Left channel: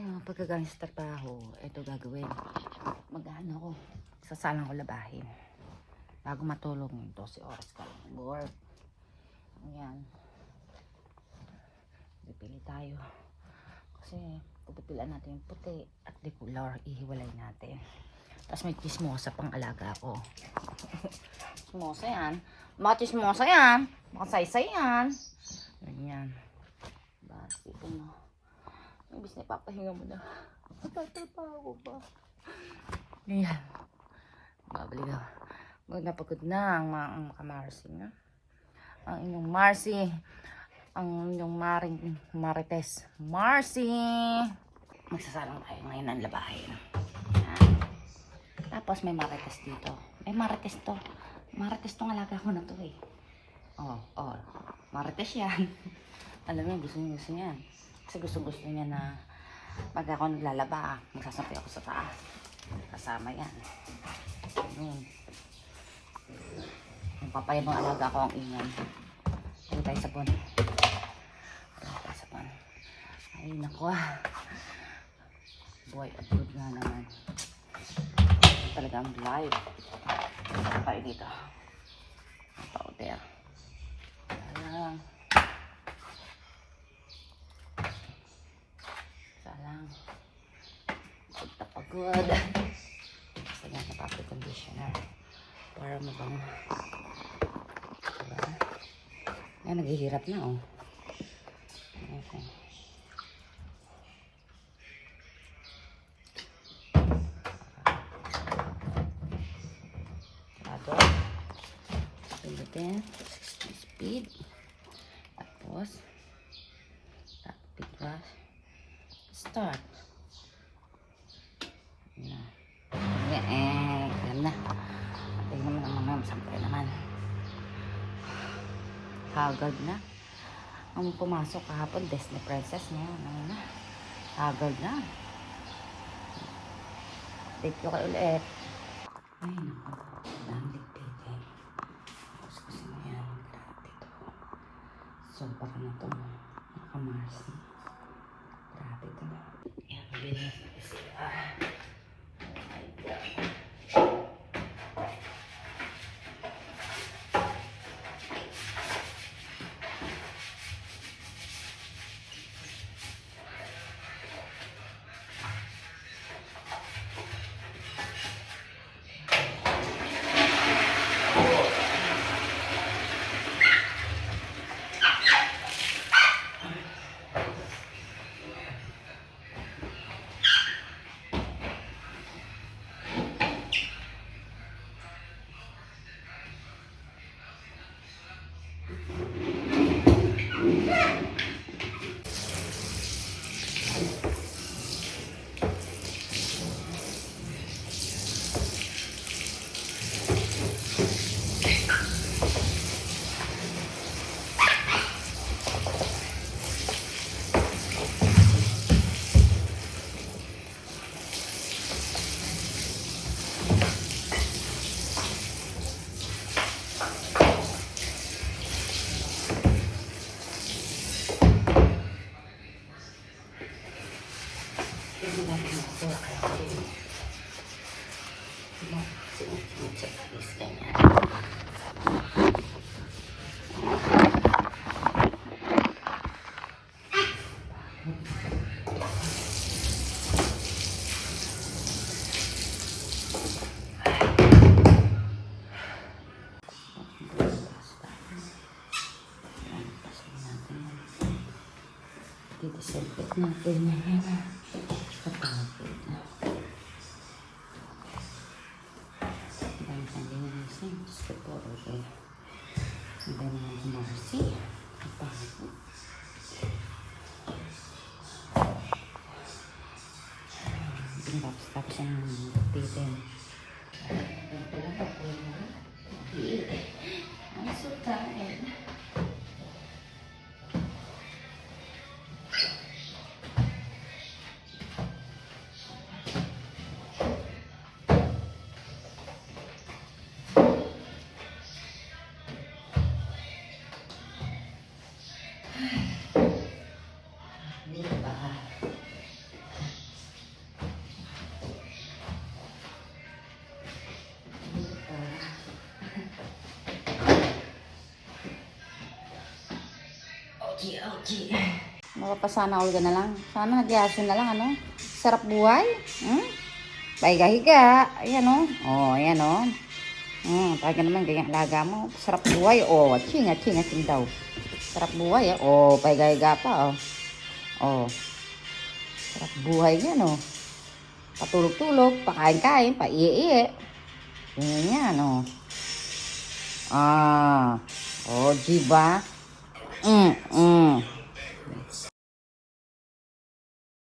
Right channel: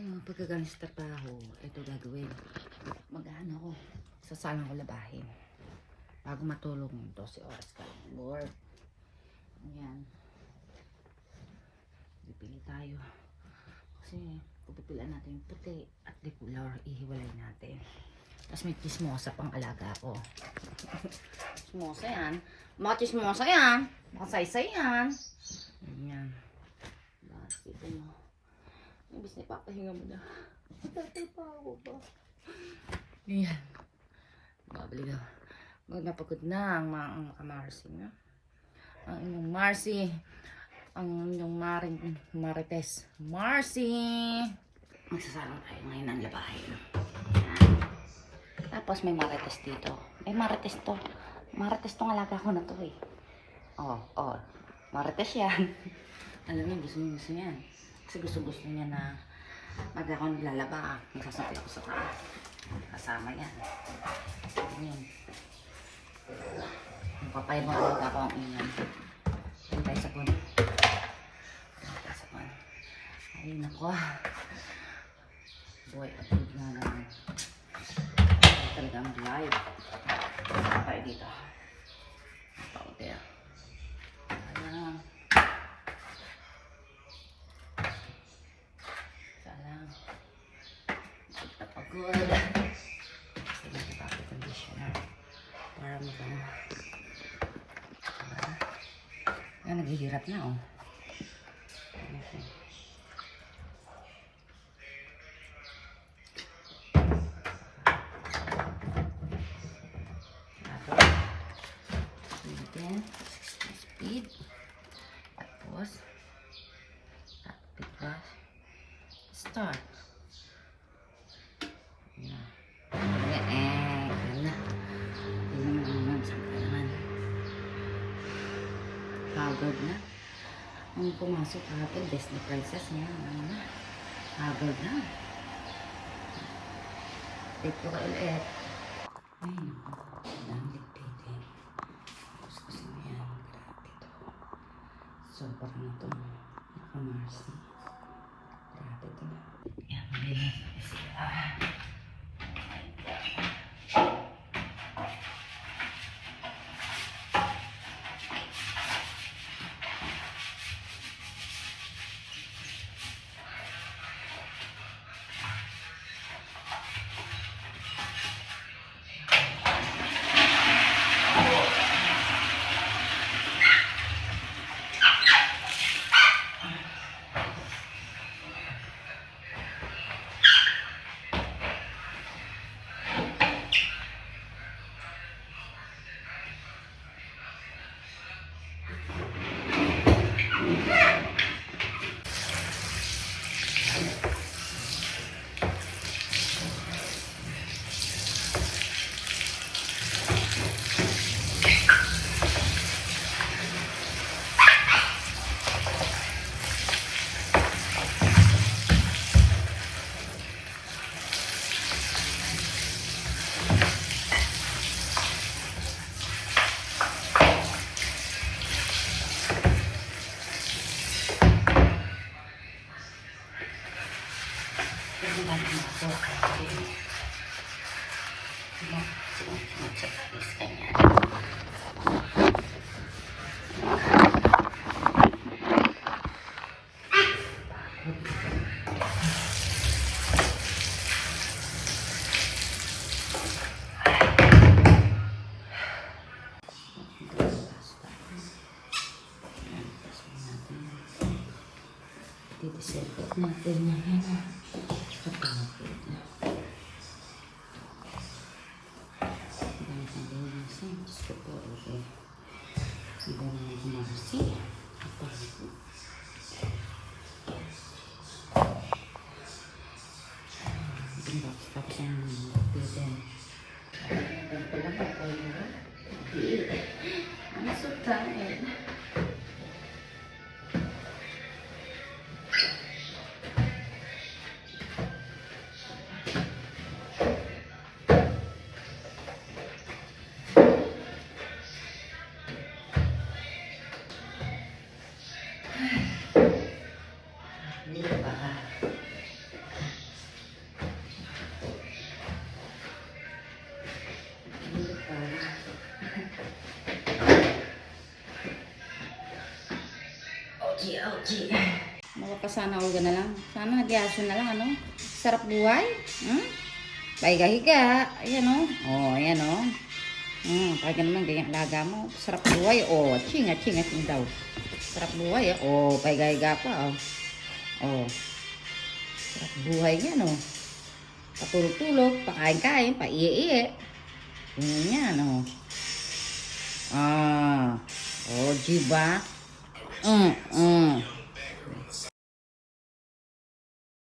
Pagkagaling sa trabaho, ito gagawin. Mag-ano ako, sasalang ko labahin. Bago matulog, 12 oras ka lang. Bored. Ayan. Pipili tayo. Kasi, pupipilaan natin yung puti at decolor. Ihiwalay natin. Tapos may chismosa pang alaga ko. Chismosa yan. Mga chismosa yan. Mga saysay yan. Ayan. Bakit ito mo? Ibig na ipapahinga mo na. Nagtatrabaho ba? Ayan. Babalik ako. Napagod na ang mga Marcy na. Ang inyong Marcy. Ang inyong Marites. Marcy! Magsasalang tayo ngayon ng labahin. Ayan. Tapos may Marites dito. May Marites to. Marites tong alaga ko na to eh. Oh. Marites yan. Alam mo, gusto niya yan. Kasi gusto niya na pag ako naglalaba, magsasampay ako sa taas. Kasama yan. Ayan. Yung papaya mga alaga ko ang inyan. Ayun tayo sa pon. Ay, naku. Boy, upload nga naman. Talagang live. Tayo dito. Powder. Ayan. Salang. Pagpapagod. Kasi nga napapag conditioner. Para mabang. Diba? Yan, naghihirap na oh. Okay. Pindutin. 60 speed. Tapos. Tapos. Start. Yan. Ganun na. Tingnan mo naman. Siyempre naman. Hagard na. Ang pumasok kahapon, Disney Princess na yan. Ano na? Hagard na. Dito ka ulit. Ay, naku. Ang ligpitin. Kuskus na yan. Grabe ito. Sopa ka na ito. Nakamarsi. Grabe ito na. Yan, malinis na sila. Didisinfect natin na yan. Kapagod. Dahil sa linisin. Diyos ko po. Okay. Iba na yung Marcy. Kapagod. Tapos ang titin. Ang pala pa po yun. I'm so tired. Hindi ba? Mapapasana all ka na lang. Sana nagyaso na lang, ano? Sarap buhay. Hmm? Pahiga-higa. Ayan, oh. Oh, ayan, oh. Talaga naman, ganyan alaga mo. Sarap buhay. Oh, ching daw. Sarap buhay, oh. Pahiga-higa pa, oh. Oh. Sarap buhay yan, oh. Patulog-tulog, pakain-kain, paiye-iye. Ganyan yan, oh. Oh, diba?